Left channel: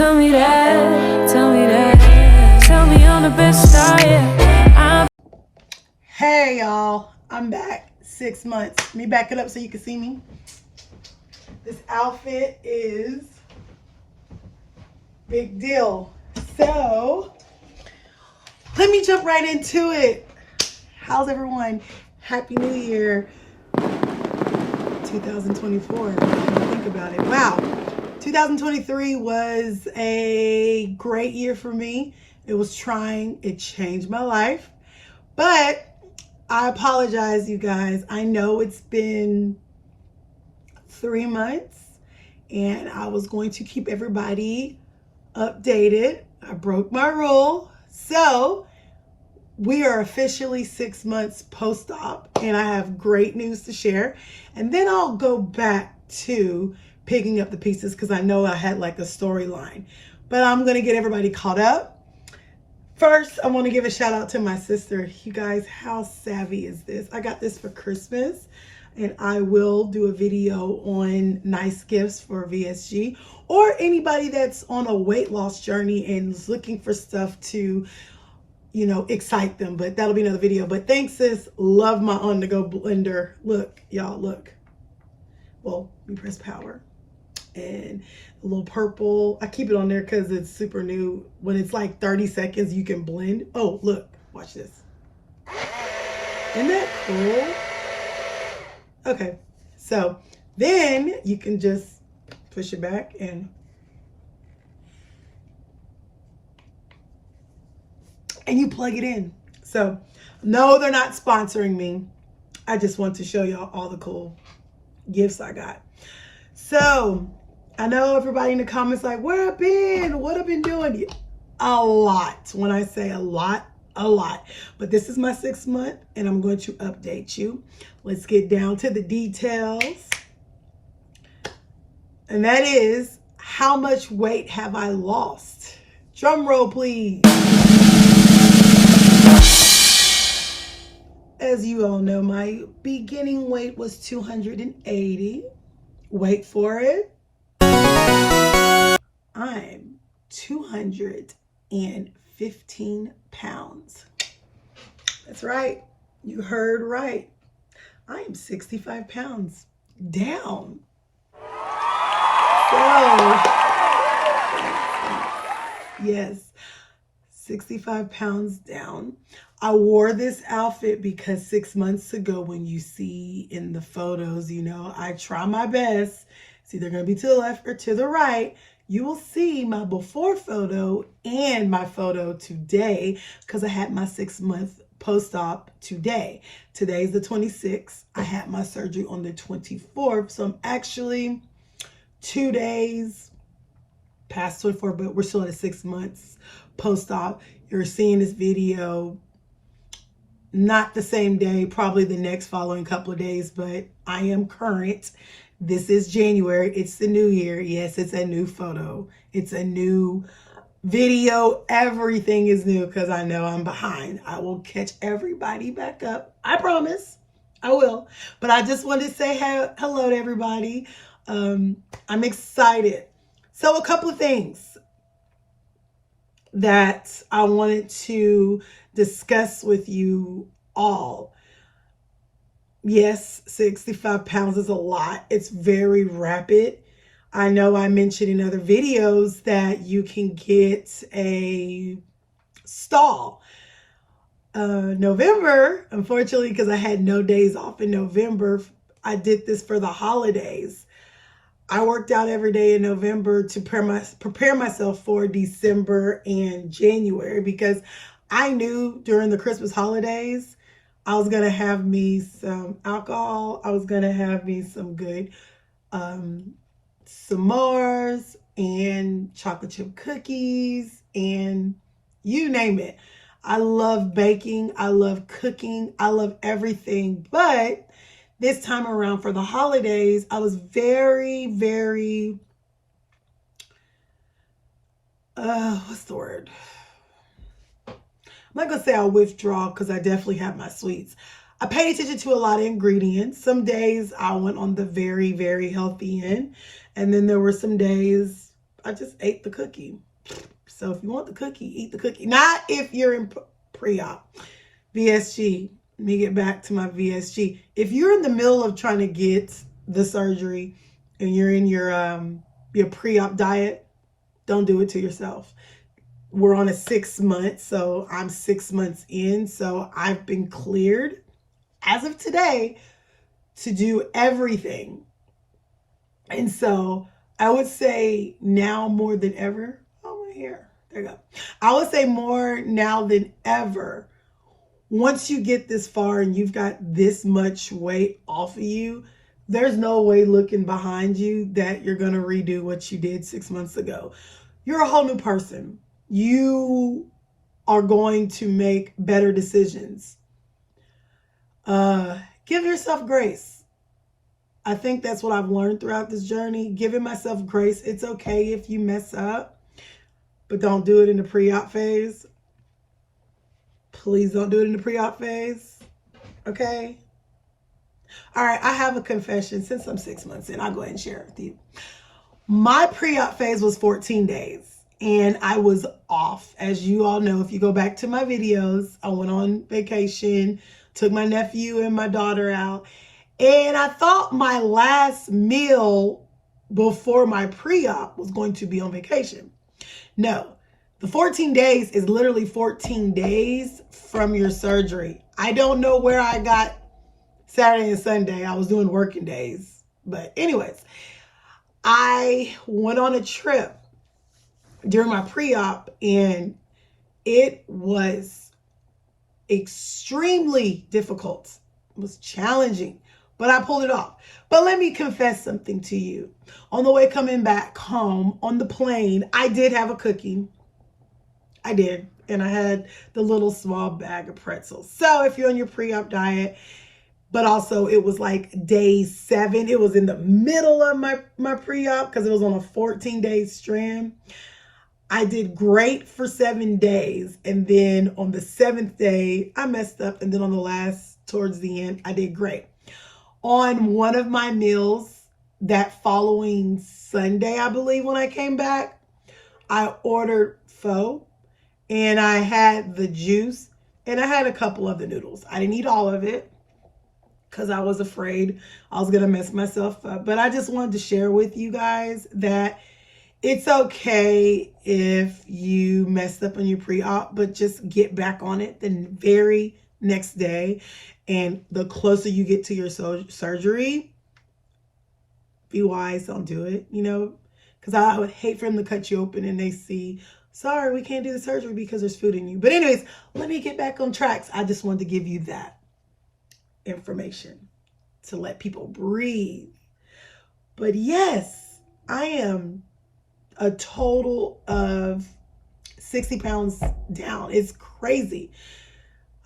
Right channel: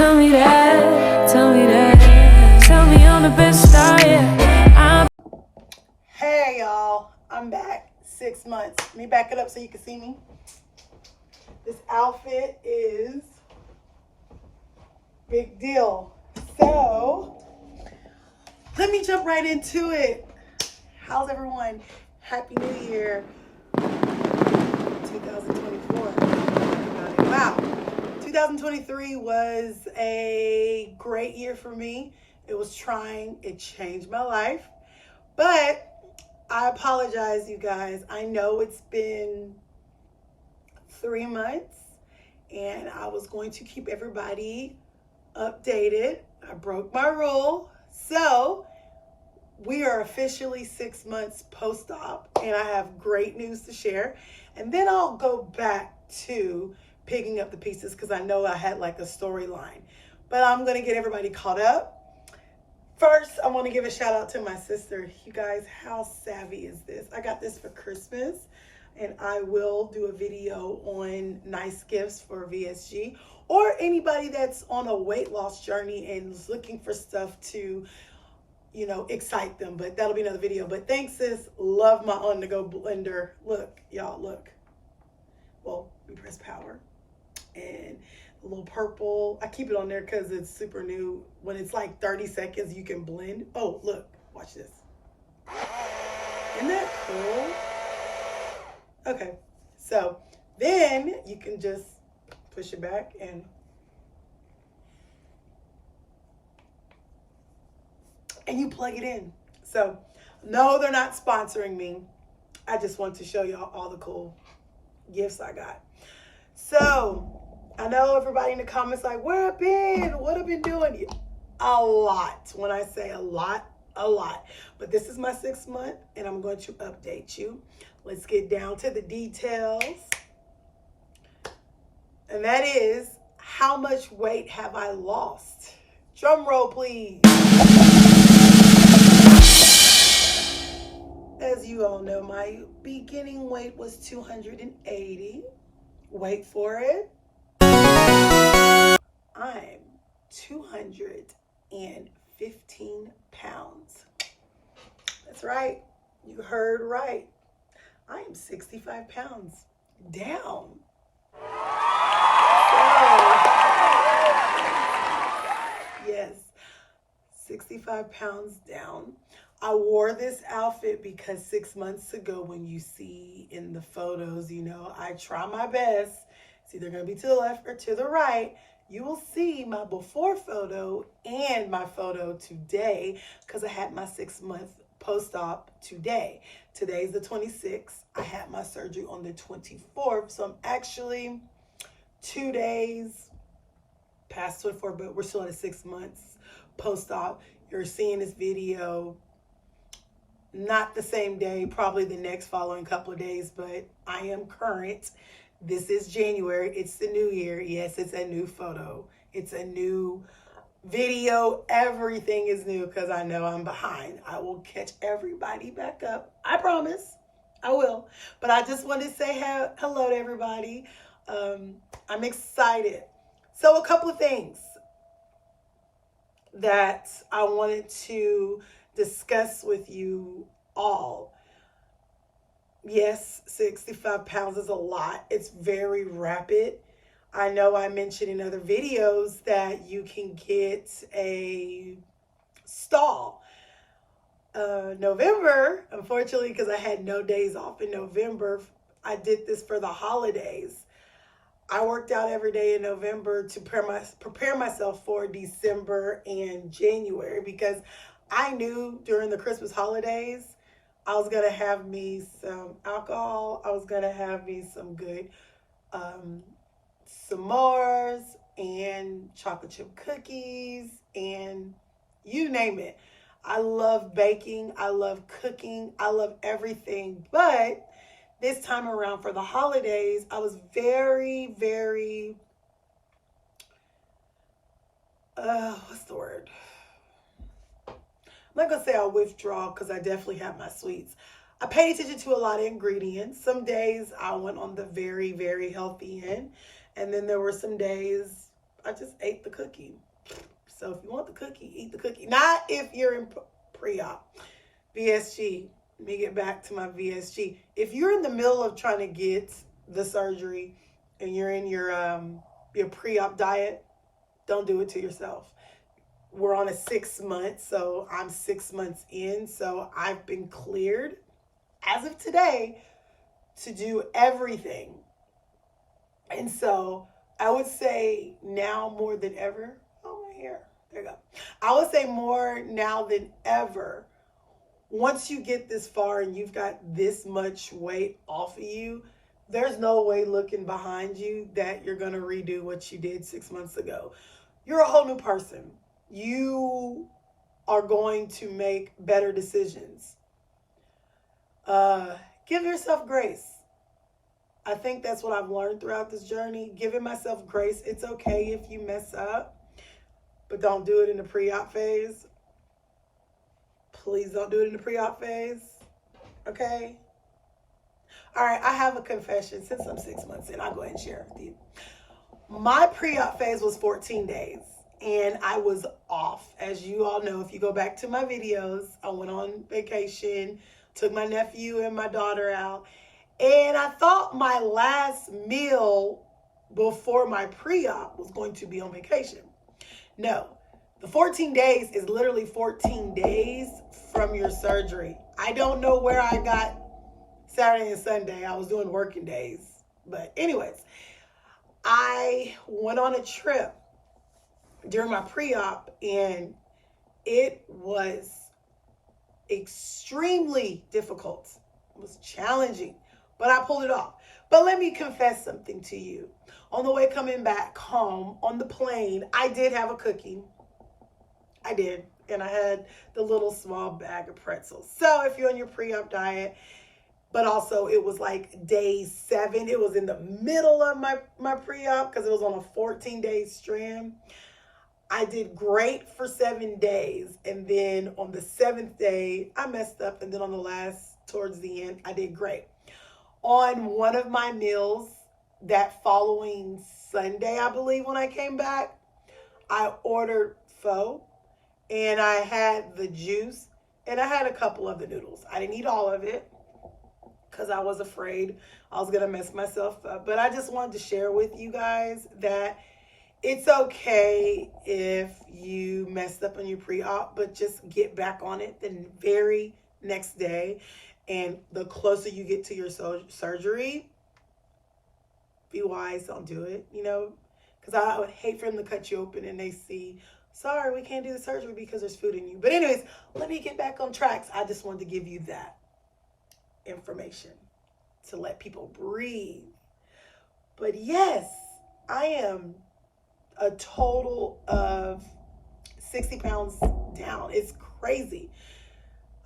Tell me that, tell me that. Tell me I'm the best I am. Hey y'all, I'm back. 6 months. Let me back it up so you can see me. This outfit is big deal. So let me jump right into it. How's everyone? Happy New Year 2024. Think about it. Wow. 2023 was a great year for me. It was trying. It changed my life. But I apologize, you guys. I know it's been 3 months and I was going to keep everybody updated. I broke my rule. So we are officially 6 months post-op and I have great news to share. And then I'll go back to picking up the pieces because I know I had like a storyline. But I'm going to get everybody caught up. First, I want to give a shout out to my sister. You guys, how savvy is this? I got this for Christmas and I will do a video on nice gifts for VSG or anybody that's on a weight loss journey and is looking for stuff to, you know, excite them. But that'll be another video. But thanks, sis. Love my on-the-go blender. Look, y'all, look. Well, we press power. And a little purple. I keep it on there because it's super new. When it's like 30 seconds, you can blend. Oh, look. Watch this. Isn't that cool? Okay. So then you can just push it back and you plug it in. So no, they're not sponsoring me. I just want to show y'all all the cool gifts I got. So I know everybody in the comments like, where I've been, what I've been doing. A lot. When I say a lot, a lot. But this is my 6th month and I'm going to update you. Let's get down to the details. And that is, how much weight have I lost? Drum roll, please. As you all know, my beginning weight was 280. Wait for it. I'm 215 pounds. That's right. You heard right. I am 65 pounds down. So, yes, 65 pounds down. I wore this outfit because 6 months ago, when you see in the photos, you know, I try my best. It's either going to be to the left or to the right. You will see my before photo and my photo today because I had my 6 month post-op today. Today's the 26th. I had my surgery on the 24th. So I'm actually 2 days past 24, but we're still at 6 months post-op. You're seeing this video not the same day, probably the next following couple of days, but I am current. This is January. It's the new year. Yes, it's a new photo. It's a new video. Everything is new because I know I'm behind. I will catch everybody back up. I promise. I will. But I just wanted to say hello to everybody. I'm excited. So a couple of things that I wanted to discuss with you all. Yes, 65 pounds is a lot. It's very rapid. I know I mentioned in other videos that you can get a stall. November, unfortunately, because I had no days off in November, I did this for the holidays. I worked out every day in November to prepare myself for December and January because I knew during the Christmas holidays, I was going to have me some alcohol. I was going to have me some good s'mores and chocolate chip cookies and you name it. I love baking. I love cooking. I love everything. But this time around for the holidays, I was very, very, what's the word? I'm not going to say I'll withdraw because I definitely have my sweets. I paid attention to a lot of ingredients. Some days I went on the very, very healthy end. And then there were some days I just ate the cookie. So if you want the cookie, eat the cookie. Not if you're in pre-op. VSG. Let me get back to my VSG. If you're in the middle of trying to get the surgery and you're in your pre-op diet, don't do it to yourself. We're on a 6 month, so I'm 6 months in. So I've been cleared as of today to do everything. And so I would say now more than ever. Oh, my hair. There you go. I would say more now than ever. Once you get this far and you've got this much weight off of you, there's no way looking behind you that you're going to redo what you did 6 months ago. You're a whole new person. You are going to make better decisions. Give yourself grace. I think that's what I've learned throughout this journey. Giving myself grace. It's okay if you mess up, but don't do it in the pre-op phase. Please don't do it in the pre-op phase. Okay? All right, I have a confession. Since I'm 6 months in, I'll go ahead and share it with you. My pre-op phase was 14 days, and I was off. As you all know, if you go back to my videos, I went on vacation, took my nephew and my daughter out, and I thought my last meal before my pre-op was going to be on vacation. No. The 14 days is literally 14 days from your surgery. I don't know where I got Saturday and Sunday. I was doing working days. But anyways, I went on a trip during my pre-op and it was extremely difficult. It was challenging, but I pulled it off. But let me confess something to you. On the way coming back home on the plane, I did have a cookie. I did. And I had the little small bag of pretzels. So if you're on your pre-op diet, but also it was like day 7. It was in the middle of my pre-op because it was on a 14-day strand. I did great for 7 days. And then on the 7th day, I messed up. And then on the last, towards the end, I did great. On one of my meals that following Sunday, I believe, when I came back, I ordered pho. And I had the juice and I had a couple of the noodles. I didn't eat all of it because I was afraid I was going to mess myself up. But I just wanted to share with you guys that it's okay if you messed up on your pre-op, but just get back on it the very next day. And the closer you get to your surgery, be wise, don't do it, you know, because I would hate for them to cut you open and they see, sorry, we can't do the surgery because there's food in you. But anyways, let me get back on tracks. I just wanted to give you that information to let people breathe. But yes, I am a total of 60 pounds down. It's crazy.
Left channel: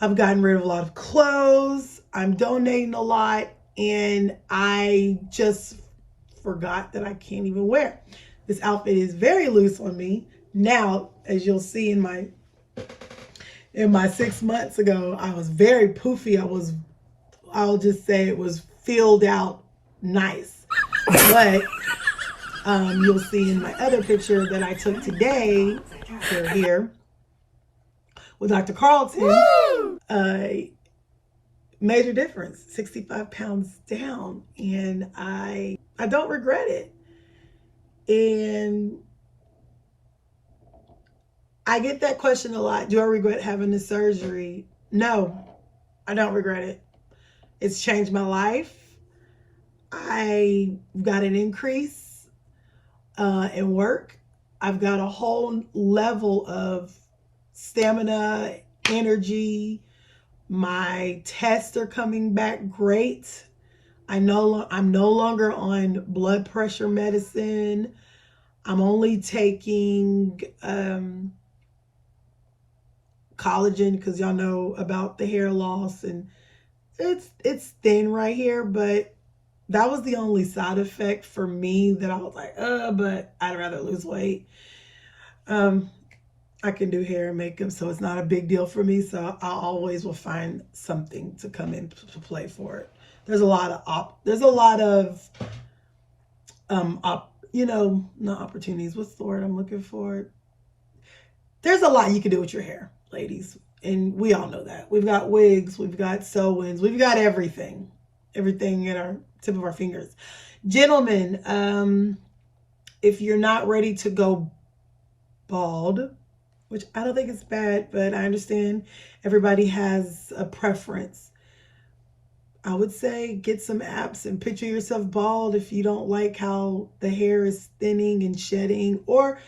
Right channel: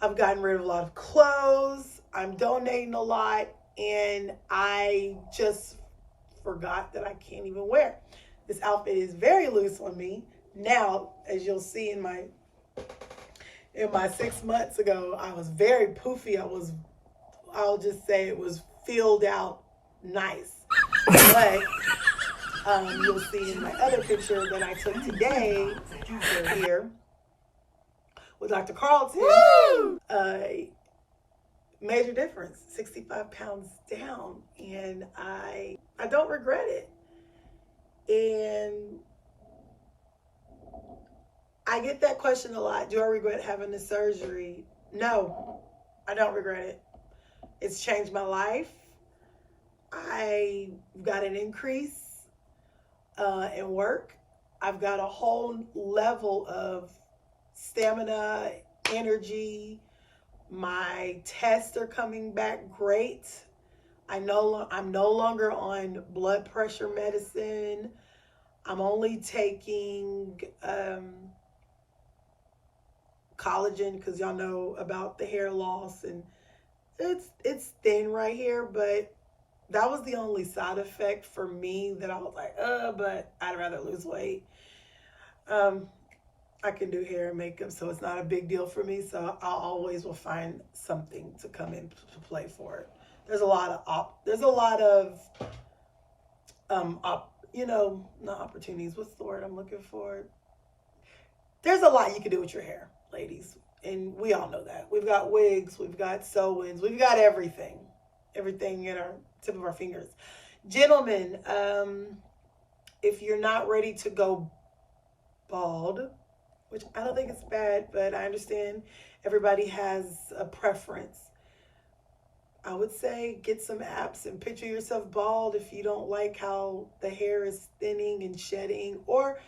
I've gotten rid of a lot of clothes. I'm donating a lot. And I just forgot that I can't even wear. This outfit is very loose on me. Now, as you'll see in my 6 months ago, I was very poofy. I'll just say it was filled out nice. But you'll see in my other picture that I took today, here, with Dr. Carlton, major difference, 65 pounds down. And I don't regret it. And I get that question a lot. Do I regret having the surgery? No, I don't regret it. It's changed my life. I got an increase in work. I've got a whole level of stamina, energy. My tests are coming back great. I'm no longer on blood pressure medicine. I'm only taking collagen because y'all know about the hair loss, and it's thin right here, but that was the only side effect for me that I was like, but I'd rather lose weight. I can do hair and makeup, so it's not a big deal for me. So I always will find something to come into play for it. There's a lot of not opportunities. What's the word I'm looking for? There's a lot you can do with your hair, ladies. And we all know that. We've got wigs, we've got sew-ins, we've got everything. Everything at our tip of our fingers. Gentlemen, if you're not ready to go bald, which I don't think it's bad, but I understand everybody has a preference. I would say get some apps and picture yourself bald if you don't like how the hair is thinning and shedding. Or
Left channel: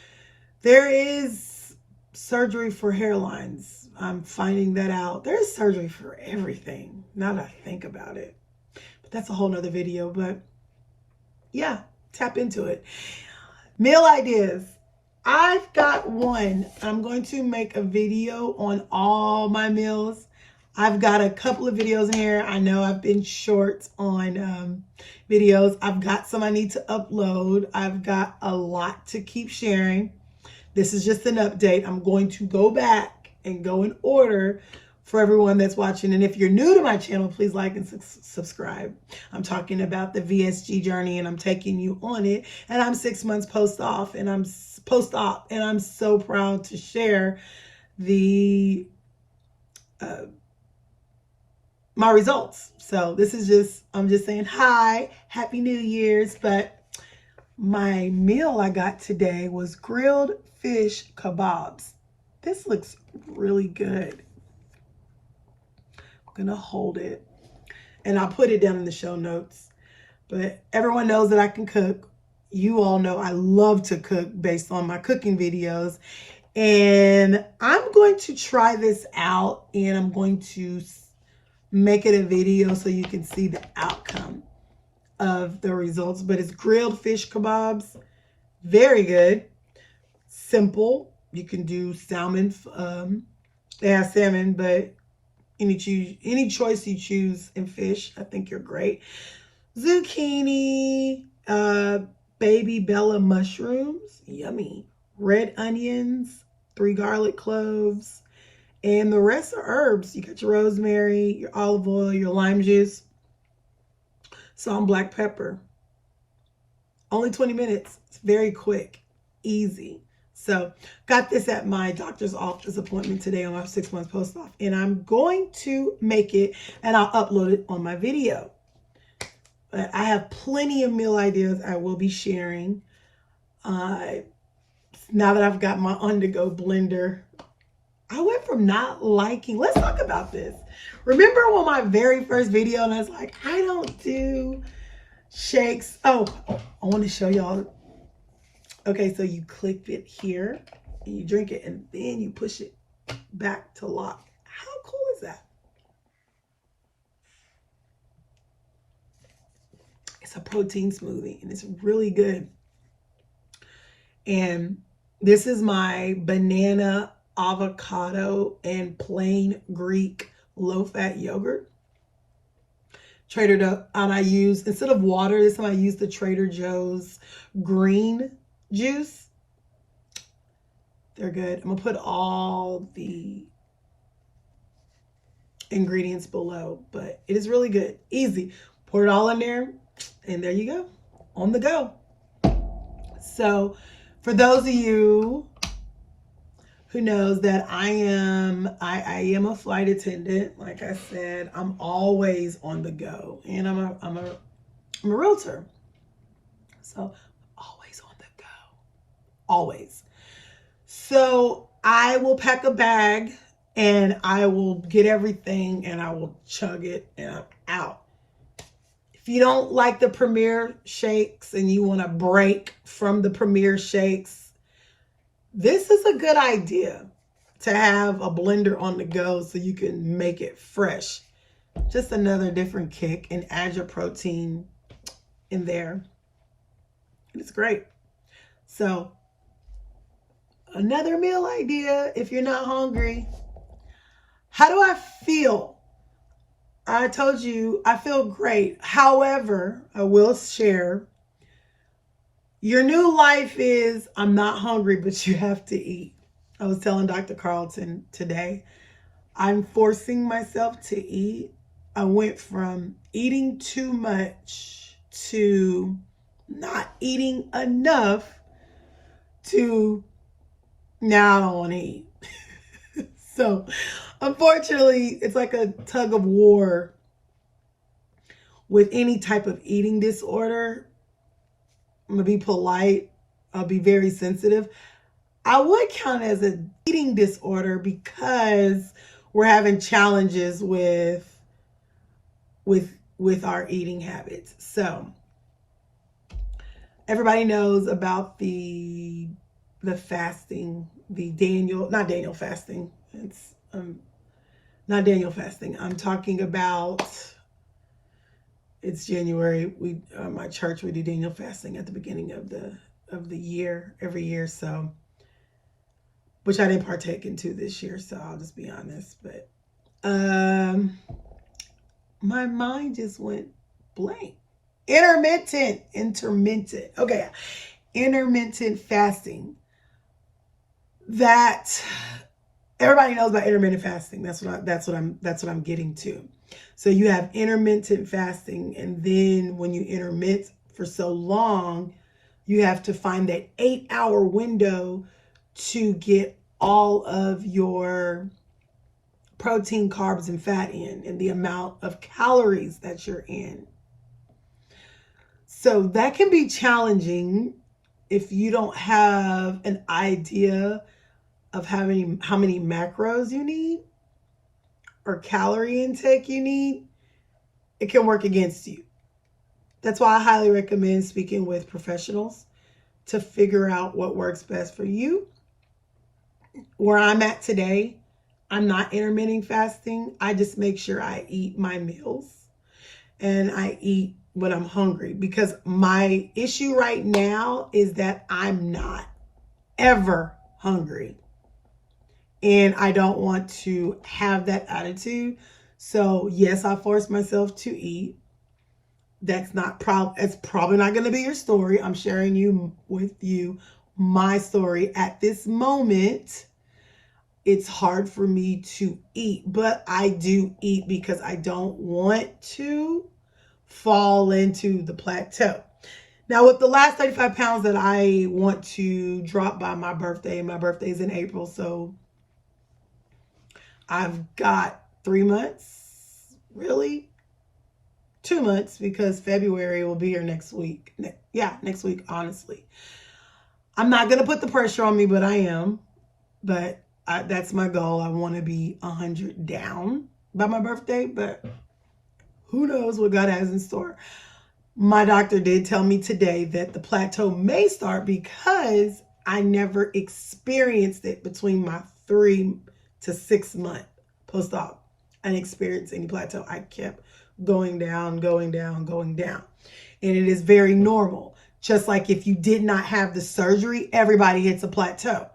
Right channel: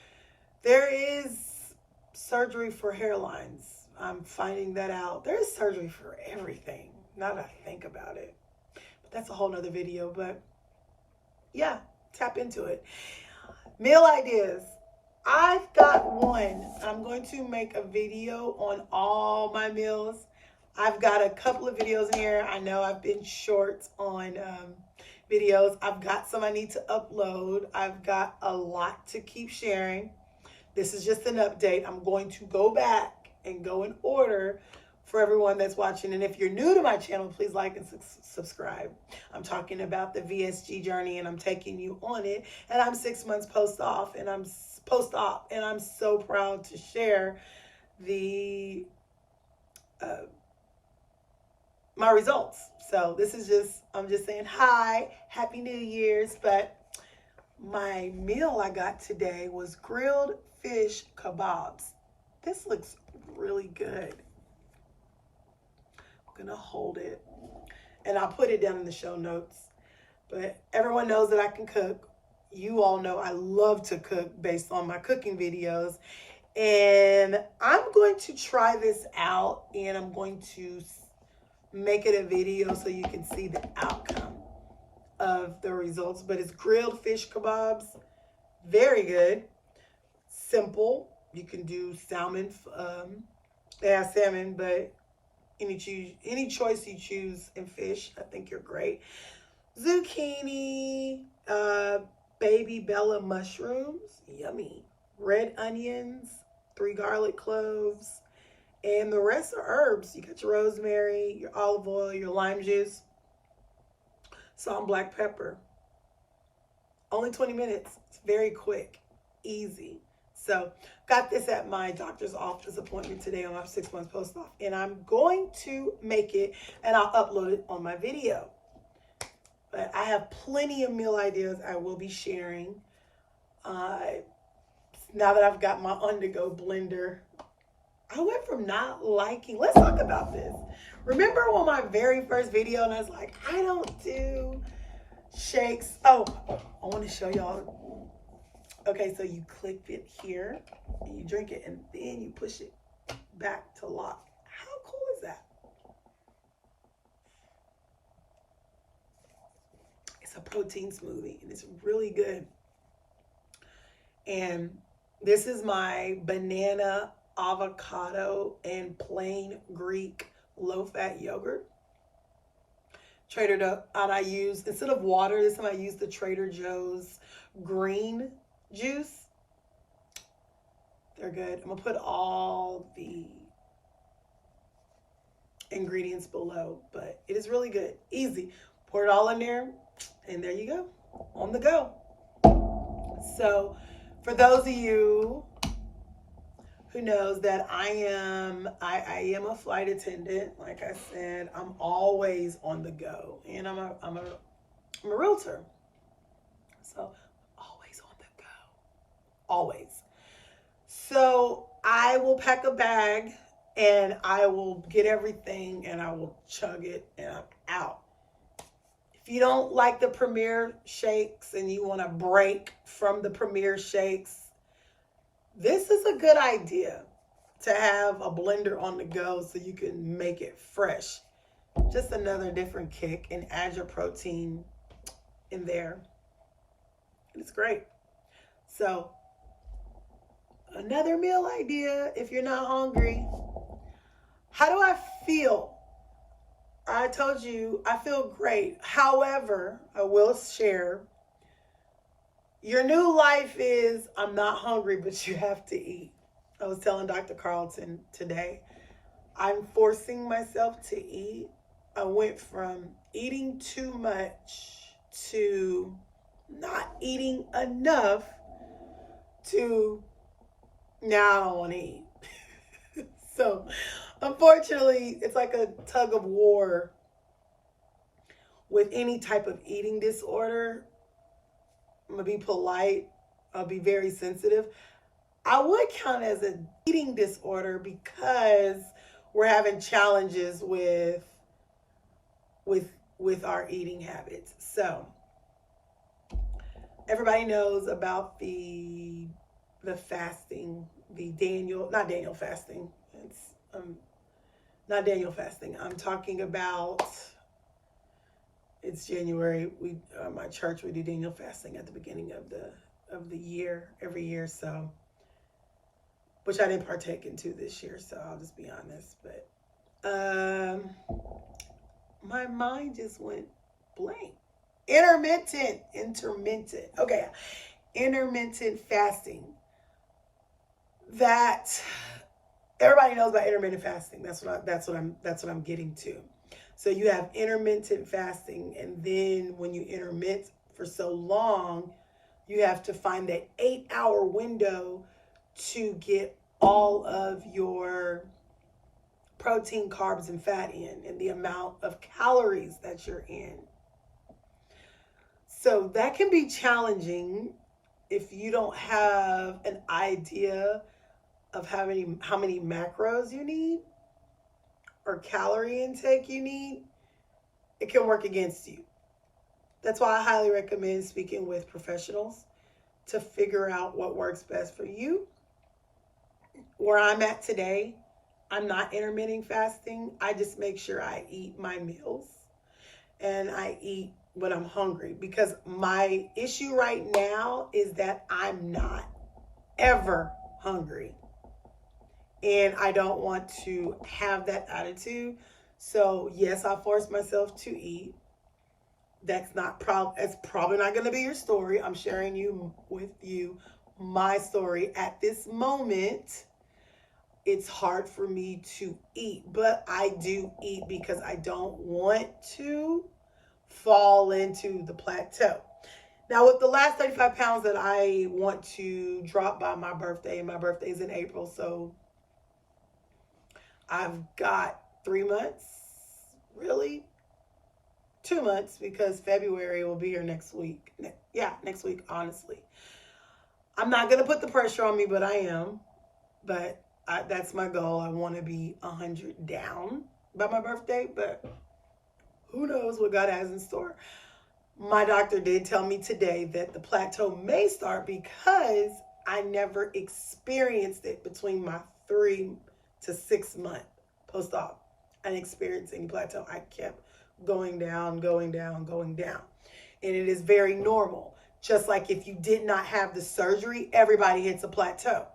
there is surgery for hairlines. I'm finding that out. There's surgery for everything, now that I think about it. But that's a whole nother video. But yeah, tap into it. Meal ideas. I've got one. I'm going to make a video on all my meals. I've got a couple of videos in here. I know I've been short on videos. I've got some I need to upload. I've got a lot to keep sharing. This is just an update. I'm going to go back and go in order for everyone that's watching. And if you're new to my channel, please like and subscribe. I'm talking about the VSG journey, and I'm taking you on it. And I'm 6 months post-op, and I'm so proud to share my results. So this is I'm just saying hi, Happy New Year's. But my meal I got today was grilled fish kebabs. This looks really good. I'm gonna hold it and I'll put it down in the show notes. But everyone knows that I can cook. You all know I love to cook based on my cooking videos. And I'm going to try this out, and I'm going to make it a video so you can see the outcome of the results. But it's grilled fish kebabs. Very good. Simple. You can do salmon. They have salmon, but any choice you choose in fish, I think you're great. Zucchini, baby bella mushrooms, yummy. Red onions, 3 garlic cloves, and the rest are herbs. You got your rosemary, your olive oil, your lime juice, salt and black pepper. Only 20 minutes. It's very quick, easy. So got this at my doctor's office appointment today on my 6 month post-op, and I'm going to make it and I'll upload it on my video. But I have plenty of meal ideas I will be sharing. Now that I've got my on-the-go blender, I went from not liking, let's talk about this. Remember when my very first video, and I was like, I don't do shakes. Oh, I want to show y'all. Okay, so you click it here and you drink it, and then you push it back to lock. How cool is that? It's a protein smoothie, and it's really good. And this is my banana, avocado, and plain Greek low-fat yogurt. Trader Joe's, and I use, instead of water, this time I use the Trader Joe's green juice. They're good. I'm gonna put all the ingredients below, but it is really good. Easy. Pour it all in there, and there you go. On the go. So for those of you who knows that I am a flight attendant, like I said, I'm always on the go, and I'm a realtor, so always on the go, always. So I will pack a bag, and I will get everything, and I will chug it, and I'm out. If you don't like the Premier shakes and you want to break from the Premier shakes, this is a good idea to have a blender on the go so you can make it fresh. Just another different kick, and add your protein in there. And it's great. So another meal idea if you're not hungry. How do I feel? I told you I feel great. However, I will share, your new life is I'm not hungry, but you have to eat. I was telling Dr. Carlton today, I'm forcing myself to eat. I went from eating too much to not eating enough to now I don't want to eat. So unfortunately, it's like a tug of war with any type of eating disorder. I'm gonna be polite. I'll be very sensitive. I would count it as an eating disorder because we're having challenges with our eating habits. So everybody knows about the fasting, not Daniel fasting. It's not Daniel fasting. I'm talking about, it's January. We my church, we do Daniel fasting at the beginning of the year, every year. So, which I didn't partake into this year, so I'll just be honest. But my mind just went blank. Intermittent. Okay, intermittent fasting. That everybody knows about intermittent fasting. That's what I'm getting to. So you have intermittent fasting, and then when you intermit for so long, you have to find that 8-hour window to get all of your protein, carbs, and fat in, and the amount of calories that you're in. So that can be challenging if you don't have an idea of how many macros you need or calorie intake you need. It can work against you. That's why I highly recommend speaking with professionals to figure out what works best for you. Where I'm at today, I'm not intermittent fasting. I just make sure I eat my meals and I eat when I'm hungry, because my issue right now is that I'm not ever hungry. And I don't want to have that attitude. So yes, I force myself to eat. It's probably not going to be your story. I'm sharing with you my story. At this moment, it's hard for me to eat, but I do eat because I don't want to fall into the plateau. Now, with the last 35 pounds that I want to drop by my birthday, and my birthday is in April, so I've got 3 months, really 2 months, because February will be here next week. Next week, honestly. I'm not going to put the pressure on me, but I am. But that's my goal. I want to be 100 down by my birthday, but who knows what God has in store. My doctor did tell me today that the plateau may start because I never experienced it between my 3 to 6 month post-op. I didn't experience any plateau. I kept going down. And it is very normal. Just like if you did not have the surgery, everybody hits a plateau.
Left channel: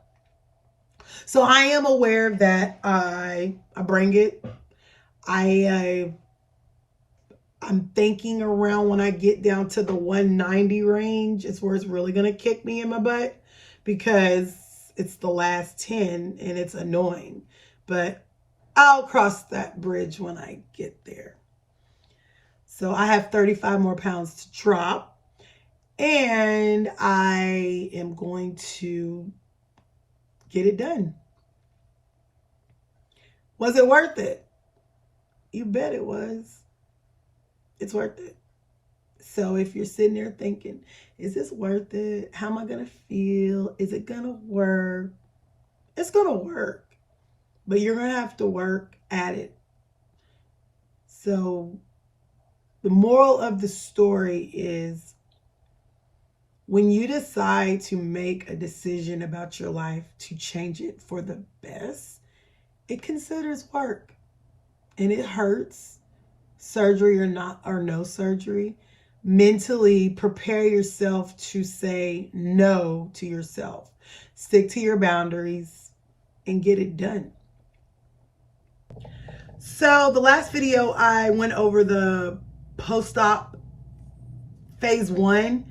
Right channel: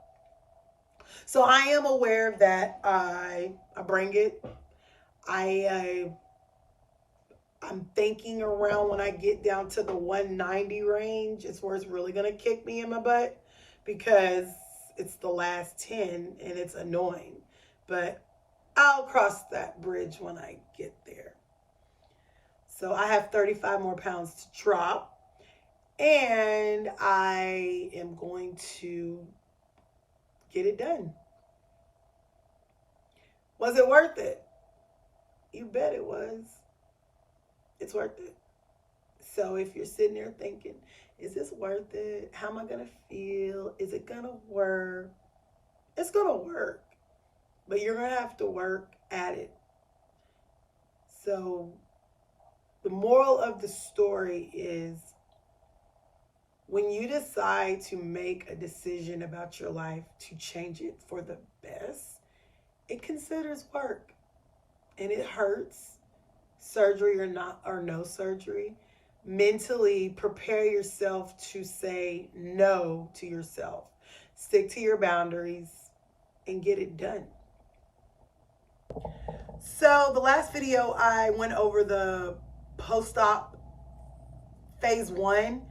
So I am aware that I bring it. I'm thinking around when I get down to the 190 range, it's where it's really going to kick me in my butt, because it's the last 10 and it's annoying. But I'll cross that bridge when I get there. So I have 35 more pounds to drop, and I am going to get it done. Was it worth it? You bet it was. It's worth it. So if you're sitting there thinking, is this worth it? How am I going to feel? Is it going to work? It's going to work, but you're going to have to work at it. So the moral of the story is, when you decide to make a decision about your life to change it for the best, it considers work, and it hurts. Surgery or no surgery. Mentally prepare yourself to say no to yourself. Stick to your boundaries and get it done. So the last video, I went over the post-op phase 1.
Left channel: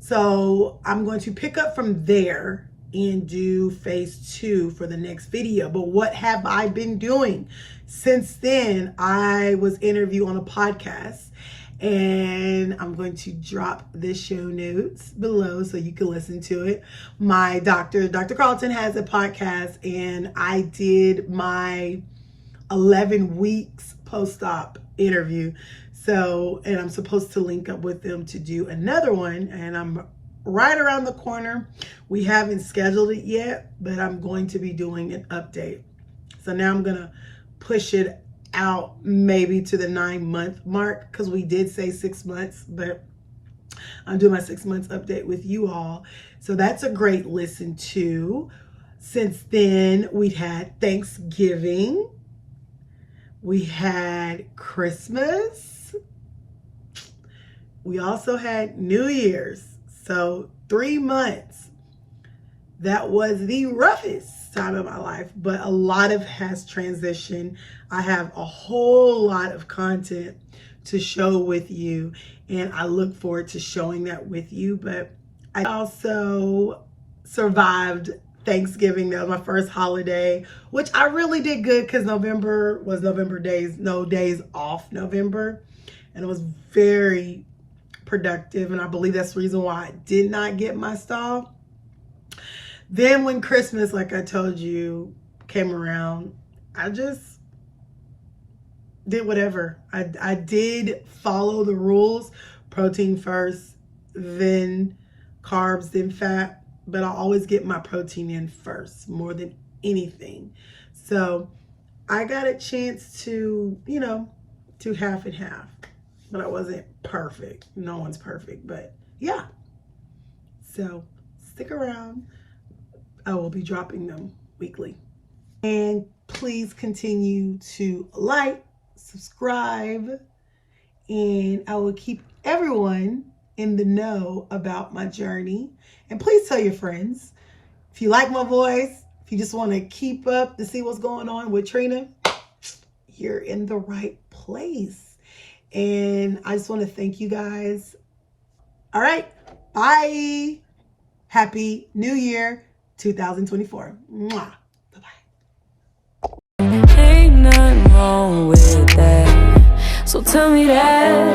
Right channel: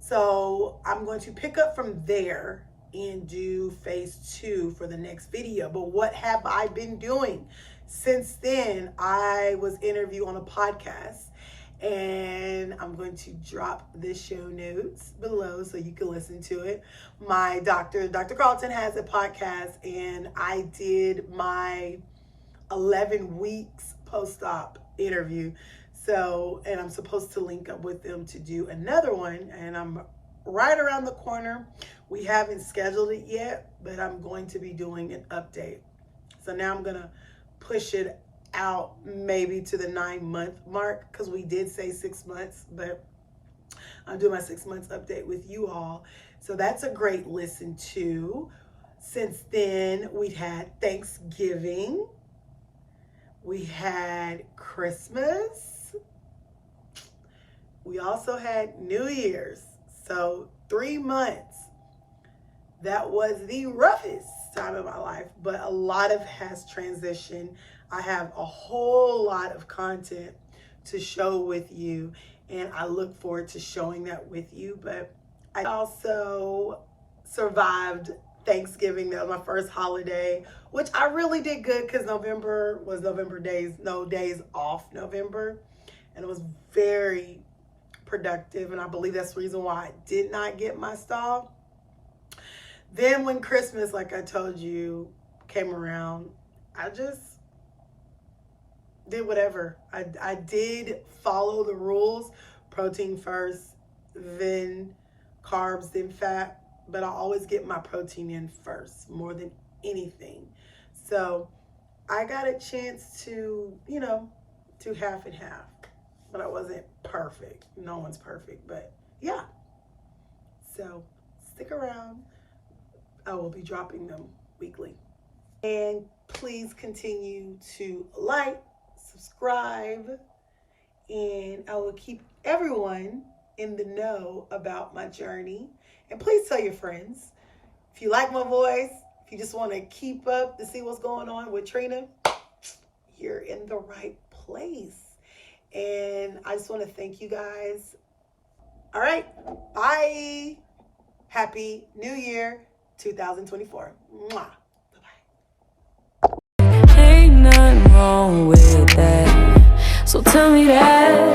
So I'm going to pick up from there and do phase 2 for the next video. But what have I been doing? Since then, I was interviewed on a podcast, and I'm going to drop the show notes below so you can listen to it. My Dr. Carlton, has a podcast, and I did my 11 weeks post-op interview. So, and I'm supposed to link up with them to do another one, and I'm right around the corner. We haven't scheduled it yet, but I'm going to be doing an update. So now I'm gonna push it out maybe to the 9-month mark, because we did say 6 months, but I'm doing my 6 months update with you all. So that's a great listen to. Since then, we had Thanksgiving. We had Christmas. We also had New Year's. So 3 months. That was the roughest time of my life, but a lot of has transitioned. I have a whole lot of content to show with you, and I look forward to showing that with you. But I also survived Thanksgiving. That was my first holiday, which I really did good, because November was no days off November, and it was very productive, and I believe that's the reason why I did not get my stall. Then when Christmas, like I told you, came around, I just did whatever. I did follow the rules: protein first, then carbs, then fat, but I always get my protein in first more than anything. So I got a chance to, do half and half, but I wasn't perfect. No one's perfect, but yeah. So stick around. I will be dropping them weekly. And please continue to like, subscribe, and I will keep everyone in the know about my journey. And please tell your friends. If you like my voice, if you just want to keep up to see what's going on with Trina, you're in the right place. And I just want to thank you guys. All right, bye. Happy New Year 2024. Mwah. Ain't nothing wrong with that. So tell me that.